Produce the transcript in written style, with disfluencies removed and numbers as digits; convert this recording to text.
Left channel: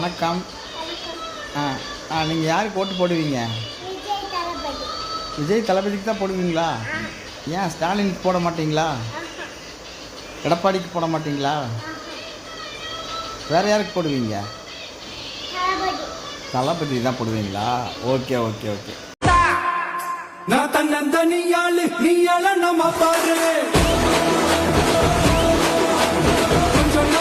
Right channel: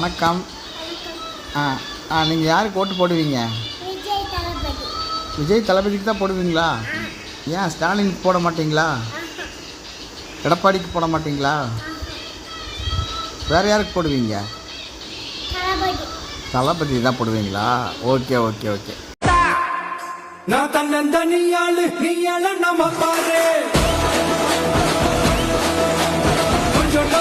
வணக்கம். நீங்கள் யாருக்கு ஓட்டு போடுவீங்க? விஜய் தளபதிக்கு தான் போடுவீங்களா? ஏன் ஸ்டாலினுக்கு போட மாட்டீங்களா? எடப்பாடிக்கு போட மாட்டீங்களா? வேறு யாருக்கு போடுவீங்க? தளபதி தான் போடுவீங்களா? Okay okay okay. நான் தன்னந்தனியாளு நீயால நம்ம பாரு கொஞ்சம்